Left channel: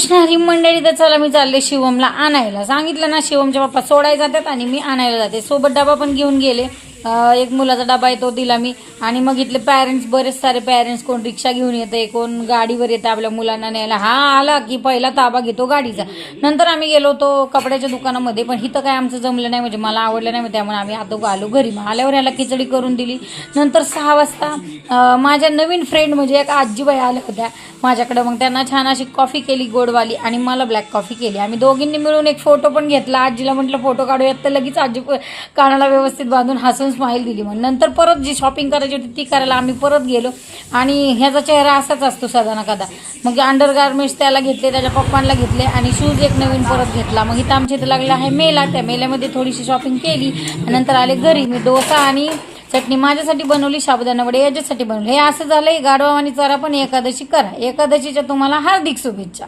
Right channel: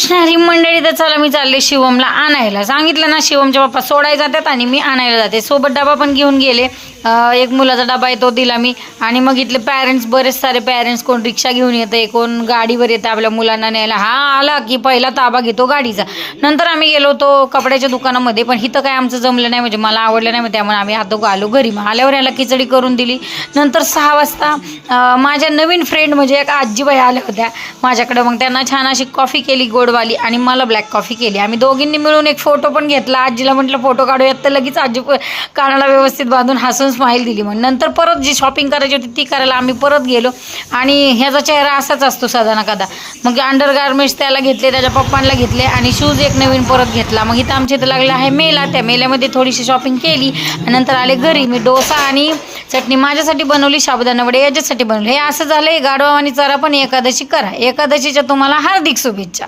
कृष्ण हरी मंडळी. तर चला मी चालले शिवमला आणायला. सांगितलं ना शिवमच्या पप्पा सोडायला जातात आणि मी आणायला जाते. सोबत डबा पण घेऊन गेले. एक मुलाचा डबा आहे तो दिला मी. आणि मग इथले पॅरेंट्स, बरेच सारे पॅरेंट्स, कोण रिक्षा घेऊन येते, कोण गाडीवर येतं आपल्या मुलांना न्यायला. हा आला की पहिला ताबा घेतो गाडीचा. नंतर आम्ही गेलो होतो कपड्याच्या दुकानामध्ये, पण इथं काय आमचं जमलं नाही, म्हणजे मला आवडलं नाही, त्यामुळे आम्ही आता आलो घरी. मग आल्यावर याला खिचडी करून दिली. नंतर 6 वाजता माझ्या नवीन फ्रेंड म्हणजे एक आजीबाई आल्या होत्या माझ्याकडं. मग त्यांना छान अशी कॉफी केली गोडवाली आणि मला ब्लॅक कॉफी केली. आम्ही दोघींनी मिळून एक फोटो पण घेतला. आजीला म्हटलं फोटो काढूयात, तर लगेच आजी कानाला व्यवस्थित बांधून हसून स्माईल दिली. मग नंतर परत जी शॉपिंग करायची होती ती करायला आम्ही परत गेलो. आणि ह्याचा चेहरा असाच असतो सदा ना कदा. मग अंडर गार्मेंट्स त्याला घेतले, त्याच्या पप्पांना घेतले आणि शूज एक नवीन परत घेतला. मग इथं आमच्या इथं लागलं आहे मेला. त्या मेल्यामध्ये थोडीशी शॉपिंग केली. नंतर आले घरी. मी डोसा आणि चटणी माझ्यासाठी बनवली, साबुदाणा वडे याच्यासाठी बनवले. हे असं झालं. गाढवा आणि चरा पण एकादशी करा. एकादशीच्या तुम्हाला हार्दिक शुभेच्छा.